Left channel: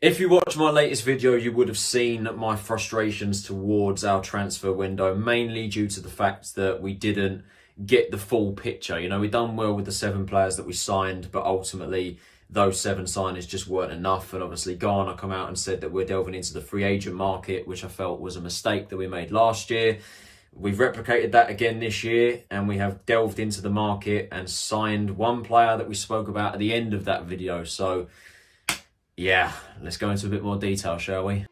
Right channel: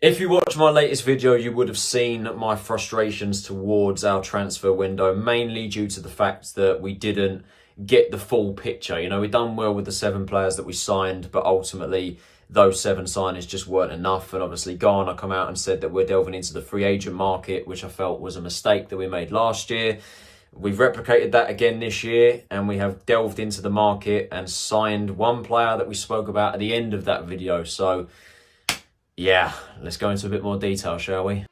If you watched my latest video, you would have seen my frustrations towards our transfer window, mainly due to the fact that we didn't get the full picture. You know, we've done well with the 7 players that we signed, but ultimately those 7 signings just weren't enough. And obviously Ghana come out and said that we're delving into the free agent market, which I felt was a mistake that we made last year. We've replicated that again this year, and we have delved into the market and signed one player that we spoke about at the end of that video. So yeah, let's go into a bit more detail, shall we?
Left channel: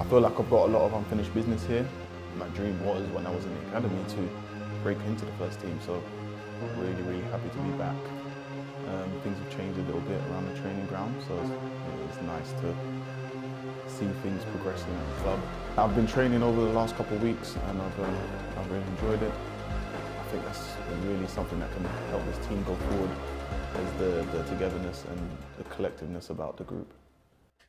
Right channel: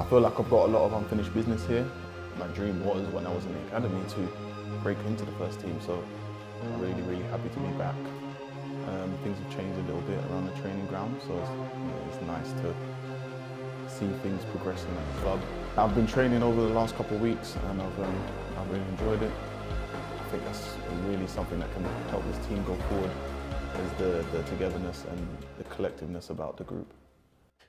I feel like I've got a lot of unfinished business here. My dream was, when I was in the academy, to break into the first team, so really happy to be back. Things have changed a little bit around the training ground, so it's nice to see things progressing at the club. I've been training over the last couple of weeks, and I've really enjoyed it. I think that's really something that can help this team go forward, is the togetherness and the collectiveness about the group.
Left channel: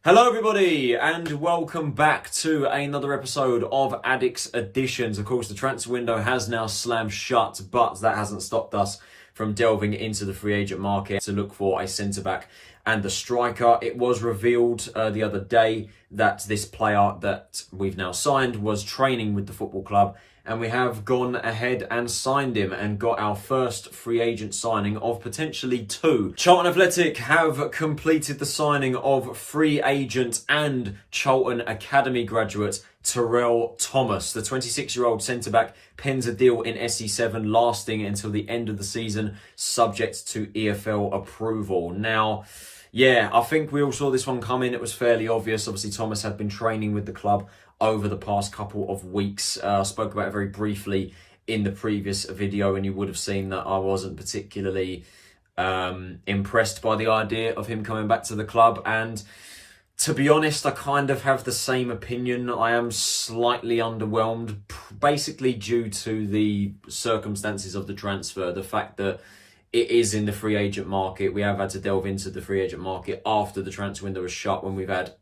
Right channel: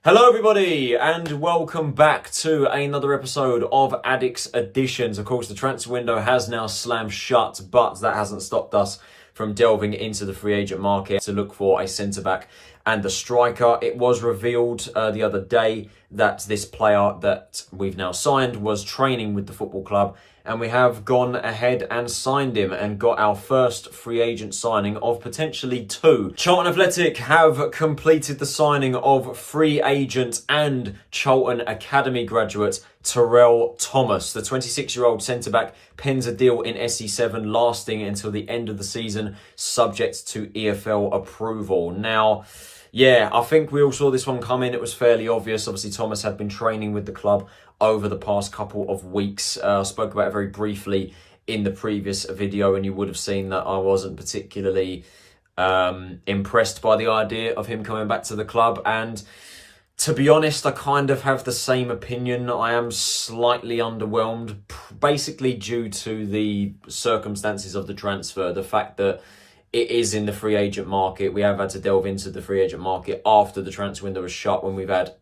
Hello everybody, and welcome back to another episode of Addicks Editions. Of course, the transfer window has now slammed shut, but that hasn't stopped us from delving into the free agent market to look for a centre-back and a striker. It was revealed the other day that this player that we've now signed was training with the football club, and we have gone ahead and signed him and got our first free agent signing of potentially 2. Charlton Athletic have completed the signing of free agent and Charlton Academy graduate Terell Thomas. The 26-year-old centre-back pens a deal in SE7 lasting until the end of the season, subject to EFL approval. Now, yeah, I think we all saw this one coming. It was fairly obvious. Obviously, Thomas had been training with the club over the past couple of weeks. I spoke about it very briefly in the previous video, and you would have seen that I wasn't particularly impressed by the idea of him coming back to the club. And to be honest, I kind of have the same opinion. I am slightly underwhelmed, basically due to the circumstances of the transfer. The fact that it is in the free agent market. We have had to delve into the free agent market after the transfer window was shut, when we've had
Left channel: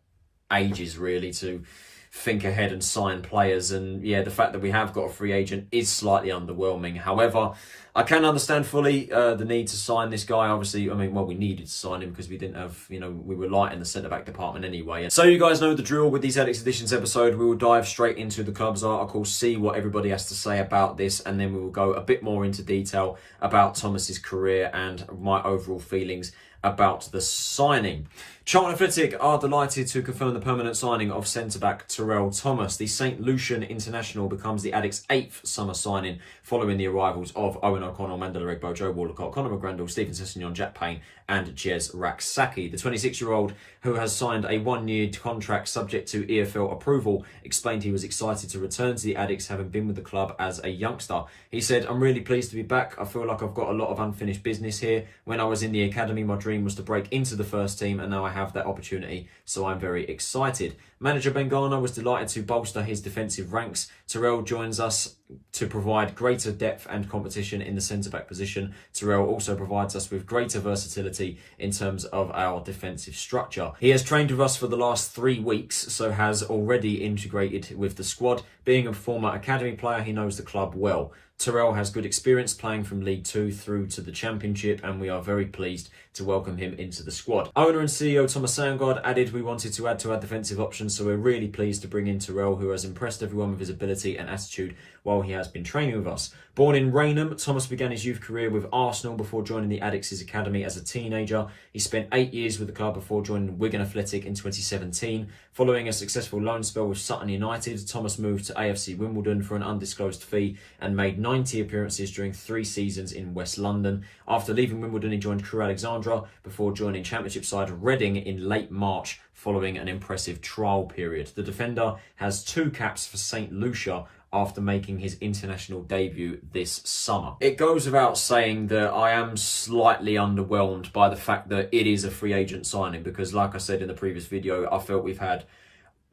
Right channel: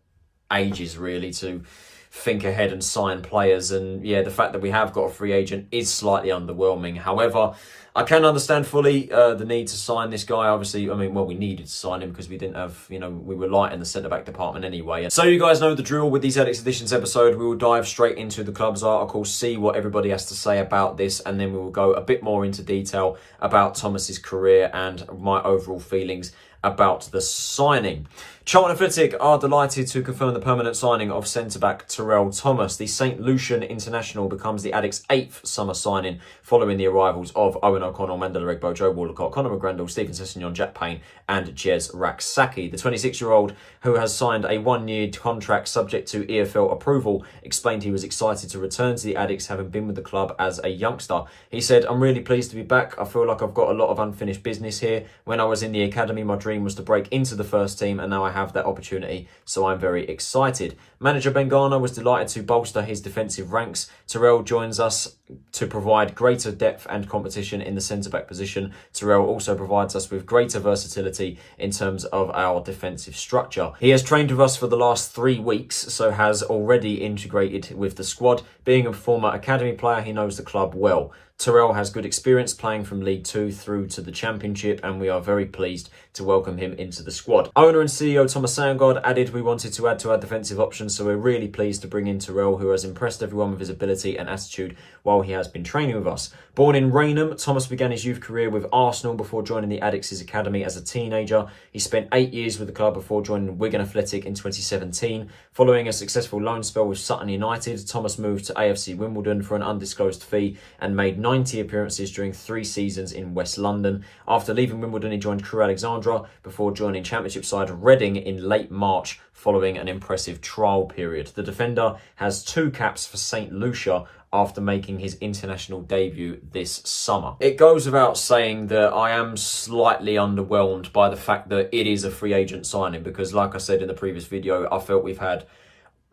ages really to think ahead and sign players. And yeah, the fact that we have got a free agent is slightly underwhelming. However, I can understand fully the need to sign this guy. Obviously, I mean, well, we needed to sign him because we didn't have, we were light in the centre-back department anyway. So you guys know the drill with these Addicks Editions episode. We will dive straight into the club's article, see what everybody has to say about this, and then we will go a bit more into detail about Thomas's career and my overall feelings about the signing. Charlton Athletic are delighted to confirm the permanent signing of centre-back Terell Thomas. The St Lucian international becomes the Addicks' 8th summer signing, following the arrivals of Owen O'Connell, Mandela Egbo, Joe Walcott, Conor McGrandle, Stephen Sessegnon, Jack Payne and Jez Raksaki. The 26-year-old, who has signed a 1-year contract subject to EFL approval, explained he was excited to return to the Addicks, having been with the club as a youngster. He said, "I'm really pleased to be back. I feel like I've got a lot of unfinished business here. When I was in the academy, my dream was to break into the first team, and now I have that opportunity, so I'm very excited." Manager Ben Ghana was delighted to bolster his defensive ranks. Terell joins us to provide greater depth and competition in the centre-back position. Terell also provides us with greater versatility in terms of our defensive structure. He has trained with us for the last 3 weeks, so has already integrated with the squad. Being a former academy player, he knows the club well. Terell has good experience playing from League 2 through to the Championship, and we are very pleased to welcome him into the squad. Owner and CEO Thomas Sandgaard added, "We wanted to add to our defensive options, so we're really pleased to bring in Terell, who has impressed everyone with his ability and attitude while he has been training with us." Born in Rainham, Thomas began his youth career with Arsenal before joining the Addicks' academy as a teenager. He spent 8 years with the club before joining Wigan Athletic in 2017. Following a successful loan spell with Sutton United, Thomas moved to AFC Wimbledon for an undisclosed fee and made 90 appearances during 3 seasons in West London. After leaving Wimbledon, he joined Crewe Alexandra before joining Championship side Reading in late March following an impressive trial period. The defender has 2 caps for St Lucia after making his international debut this summer. It goes without saying that I am slightly underwhelmed by the fact that it is a free agent signing, because like I said in the previous video, I felt we've had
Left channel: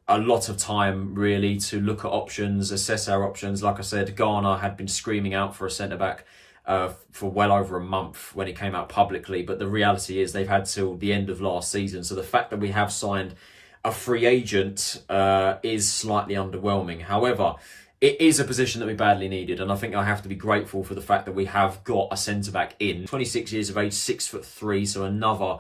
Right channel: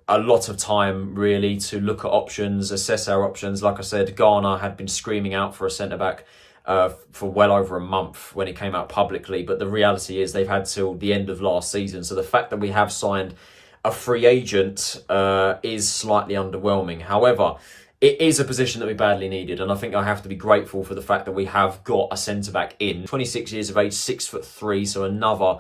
a lot of time really to look at options, assess our options. Like I said, Ghana had been screaming out for a centre-back for well over a month when it came out publicly, but the reality is they've had till the end of last season. So the fact that we have signed a free agent is slightly underwhelming. However, it is a position that we badly needed, and I think I have to be grateful for the fact that we have got a centre-back in. 26 years of age, 6'3", so another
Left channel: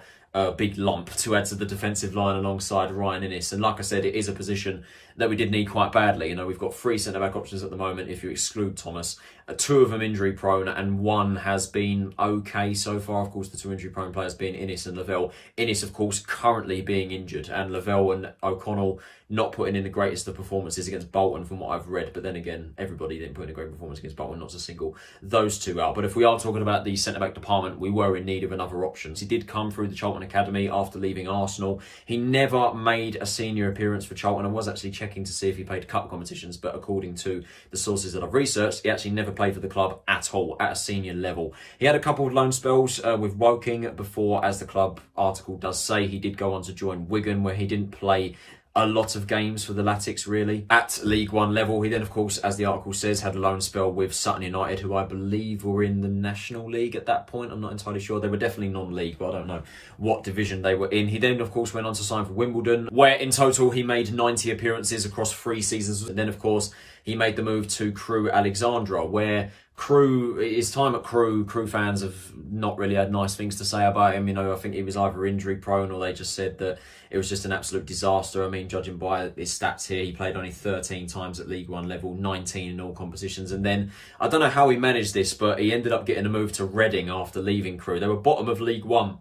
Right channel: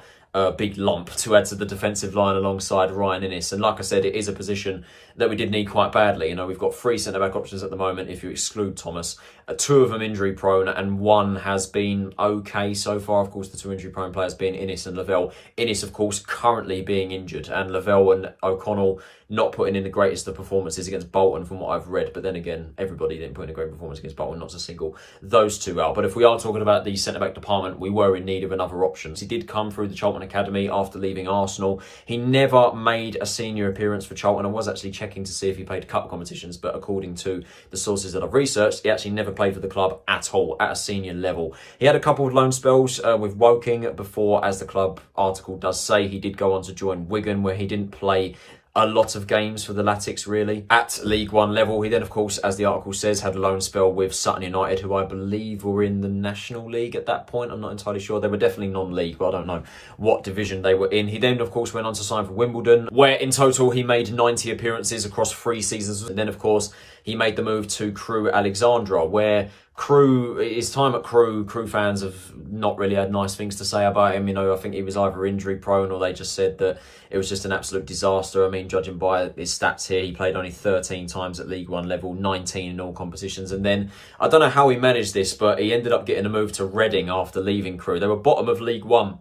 big lump to add to the defensive line alongside Ryan Inniss. And like I said, it is a position that we did need quite badly. You know, we've got 3 centre-back options at the moment if you exclude Thomas. 2 of them injury prone and 1 has been okay so far. Of course, the 2 injury prone players being Inniss and Lavelle. Inniss, of course, currently being injured, and Lavelle and O'Connell not putting in the greatest of performances against Bolton from what I've read. But then again, everybody didn't put in a great performance against Bolton, not to single those 2 out. But if we are talking about the centre-back department, we were in need of another option. He did come through the Charlton Academy after leaving Arsenal. He never made a senior appearance for Charlton. I was actually checking to see if he played cup competitions, but according to the sources that I've researched, he actually never played for the club at all at a senior level. He had a couple of loan spells with Woking before, as the club article does say. He did go on to join Wigan, where he didn't play a lot of games for the Addicks really at League One level. He then, of course, as the article says, had a loan spell with Sutton United, who I believe were in the National League at that point. I'm not entirely sure. They were definitely non-league, but I don't know what division they were in. He then, of course, went on to sign for Wimbledon, where in total he made 90 appearances across 3 seasons. And then, of course, he made the move to Crewe Alexandra, where his time at Crewe fans have not really had nice things to say about him. You know, I think he was either injury prone or they just said that it was just an absolute disaster. I mean, judging by his stats here, he played only 13 times at League One level, 19 in all competitions. And then, I don't know how he managed this, but he ended up getting a move to Reading after leaving Crewe. They were bottom of League One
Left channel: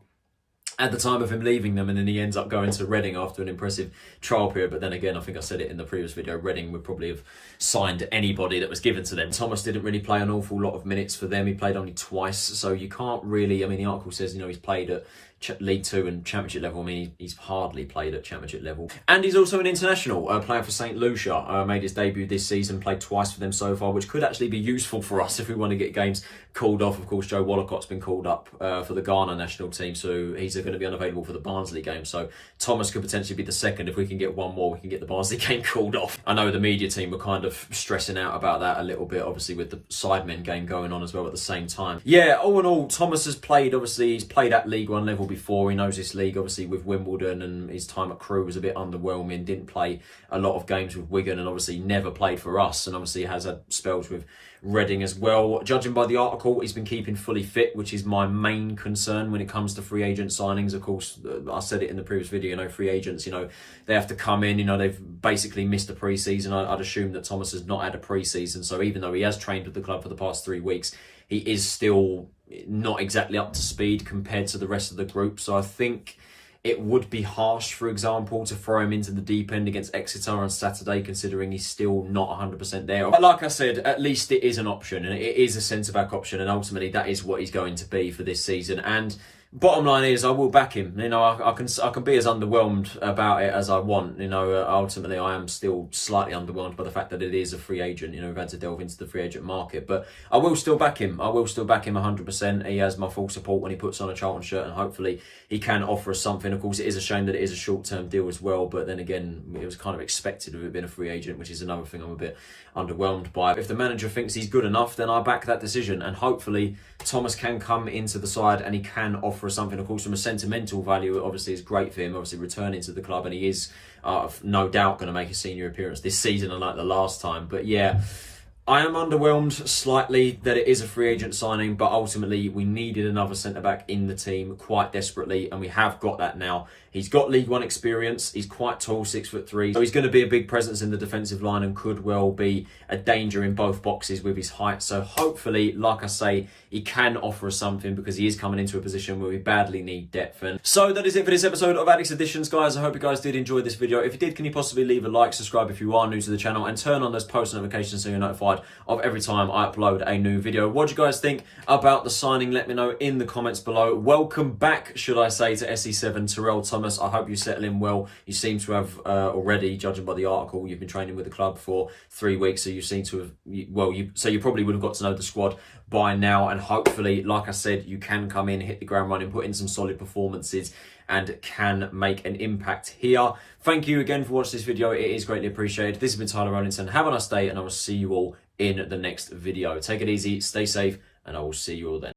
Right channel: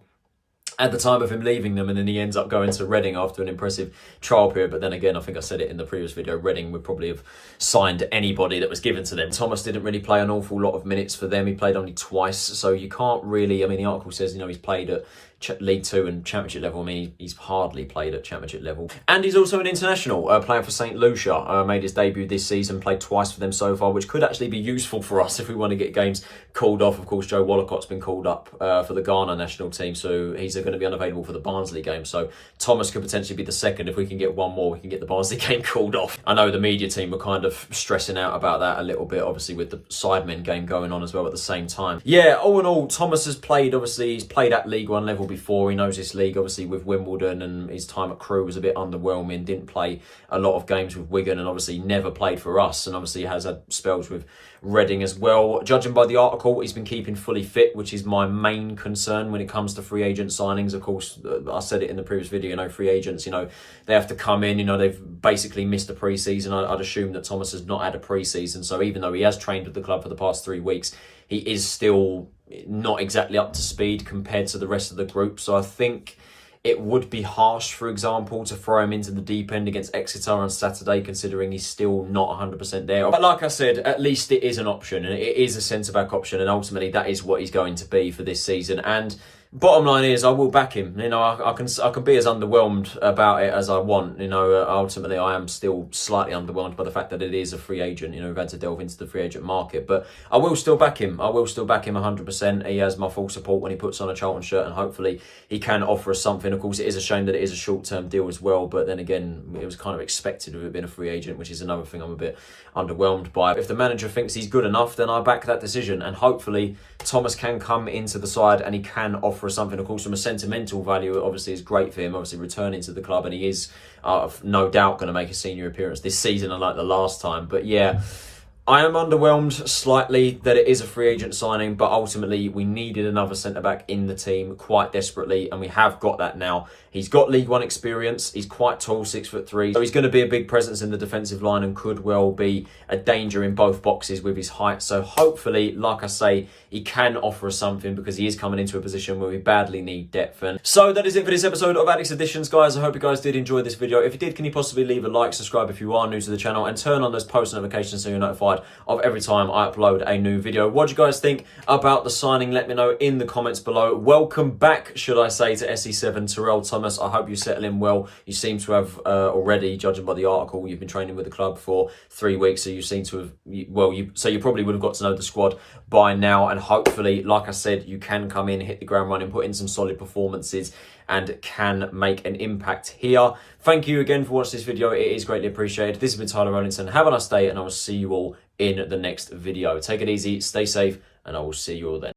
at the time of him leaving them, and then he ends up going to Reading after an impressive trial period. But then again, I think I said it in the previous video, Reading would probably have signed anybody that was given to them. Thomas didn't really play an awful lot of minutes for them. He played only twice, so you can't really, I mean, the article says, you know, he's played at League 2 and Championship level. I mean, he's hardly played at Championship level. And he's also an international, playing for St. Lucia. Made his debut this season, played twice for them so far, which could actually be useful for us if we want to get games called off. Of course, Joe Wallocott's been called up for the Ghana national team, so he's going to be unavailable for the Barnsley game. So Thomas could potentially be the second. If we can get one more, we can get the Barnsley game called off. I know the media team were kind of stressing out about that a little bit, obviously with the Sidemen game going on as well at the same time. Yeah, all in all, Thomas has played, obviously, he's played at League One level before. He knows this league, obviously, with Wimbledon, and his time at Crewe was a bit underwhelming. Didn't play a lot of games with Wigan, and obviously never played for us, and obviously has had spells with Reading as well. Judging by the article, he's been keeping fully fit, which is my main concern when it comes to free agent signings. Of course, I said it in the previous video, you know, free agents, you know, they have to come in, you know, they've basically missed a pre-season. I'd assume that Thomas has not had a pre-season, so even though he has trained with the club for the past 3 weeks, he is still not exactly up to speed compared to the rest of the group. So I think it would be harsh, for example, to throw him into the deep end against Exeter on Saturday, considering he's still not 100% there. But like I said, at least it is an option, and it is a centre-back option, and ultimately that is what he's going to be for this season. And bottom line is, I will back him. You know, I can be as underwhelmed about it as I want. You know, ultimately, I am still slightly underwhelmed by the fact that it is a free agent. You know, we've had to delve into the free agent market, but I will still back him. I will still back him 100%. He has my full support when he puts on a Charlton shirt, and hopefully he can offer us something. Of course, it is a shame that it is a short-term deal as well, but then again, it was kind of expected of it being a free agent, which is another thing I'm a bit underwhelmed by. If the manager thinks he's good enough, then I back that decision, and hopefully Thomas can come into the side and he can offer us something. Of course, from a sentimental value, it obviously is great for him, obviously returning to the club, and he is no doubt going to make a senior appearance this season, unlike the last time. But yeah, I am underwhelmed slightly that it is a free agent signing, but ultimately we needed another centre-back in the team quite desperately, and we have got that now. He's got League One experience, he's quite tall, 6'3", so he's going to be a big presence in the defensive line and could well be a danger in both boxes with his height. So hopefully, like I say, he can offer us something, because he is coming into a position where we badly need depth. And so that is it for this episode of Addicks Editions, guys. I hope you guys did enjoy this video. If you did, can you possibly leave a like, subscribe if you are new to the channel, and turn on those post notifications so you're notified of every time I upload a new video. What do you guys think about the signing? Let me know in the comments below. Welcome back, should I say, to SE7 Terell Thomas. I hope you settle in well. You seem to have already, judging by the article, you've been training with the club for 3 weeks, so you seem to have, so you probably would have got to know the squad by now, and hopefully, like I said, you can come in, hit the ground running, put in some solid performances, and can make an impact here. Thank you again for watching this video. It is greatly appreciated. This has been Tyler Rollinson. Have a nice day, and I will see you all in the next video. Take it easy, stay safe, and I will see you all then.